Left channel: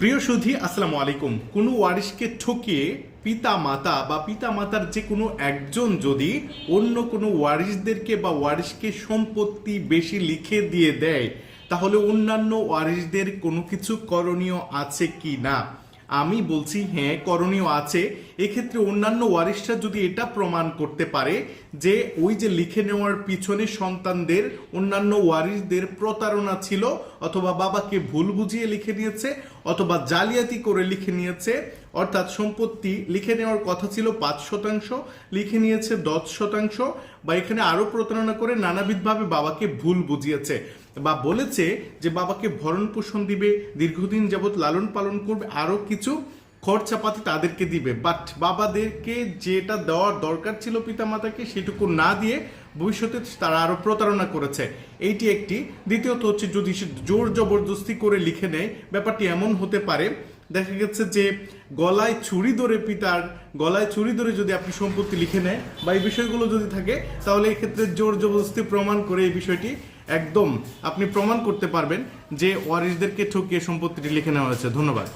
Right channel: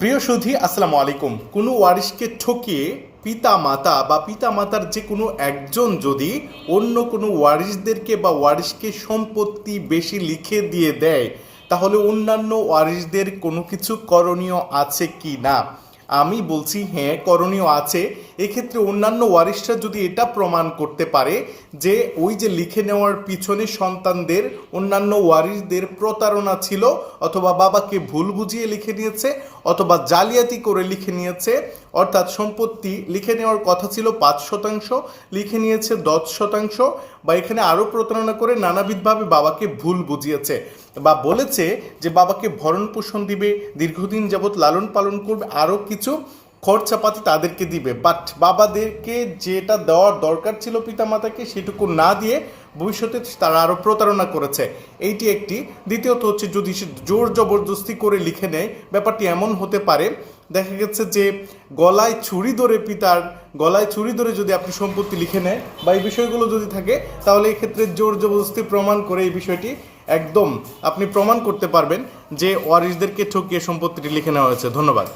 প্রিয় সুধী, আসসালামু আলাইকুম। কোনো ওয়ারিশকে ঠকিয়ে পিতা মাতা বা পিতা মাতার যে কোনো একজন যদি অন্য কোনো ওয়ারিশদেরকে বা ওয়ারিশকে সম্পত্তি বেশি লিখে দিয়ে দেয়, তাহলে অন্যান্য ওয়ারিশদের কোনো কিছু করণীয় আছে কি না? আমি বলছি হ্যাঁ, করণীয় আছে। এক্ষেত্রে অন্যান্য ওয়ারিশরা যদি এটা প্রমাণ করতে পারে যে ওই যে লিখে নেওয়ার পিছনে সন্তানদের অন্যান্য ওয়ারিশদের প্রতারণা ছিল, অথবা বাবাকে ভুল বুঝিয়ে লিখে নিয়েছে, অথবা জালিয়াতি করে লিখে নিয়েছে, অর্থাৎ সম্পত্তি লিখে নেওয়ার কথা ছিল 5%, লিখে নিয়েছে 10%, বা এখানে আরও প্রতারণা করে নানাবিধভাবে বাবাকে ভুল বুঝিয়েছে, বা বলেছে যে বাবাকে ভরণ পোষণ দিবে, দীর্ঘদিন যাবৎ লালন পালন করবে, আরও কিছু খরচাপাতি তাদেরকে দিবে, বাট বাবাদেরকে যেটা দেওয়ার দরকার ছিল পিতামাতাকে সেটুকু না দিয়ে ভবিষ্যতে তারা আরও প্রতারণা করেছে। এইটি একটি। দ্বিতীয়ত হচ্ছে, যদি সে জোর জবরদস্তি করে লিখে নেয়, ব্যাপারটি এমন হতে পারে, দেখা গেছে যে গলায় ছুরি ধরে পিতার গলায় ছুরি ধরে যদি আপনি সম্পত্তি লিখে নেয় বা এই বিষয়গুলো যদি থাকে, তাহলে এক্ষেত্রে জোর জবরদস্তি প্রমাণ করে এই বিষয়টি একদম আপনি প্রমাণ করতে পারবেন যে ওয়ারিশদেরকে ঠকিয়ে সম্পত্তিটি লিখে নেওয়া হয়েছে। ধন্যবাদ।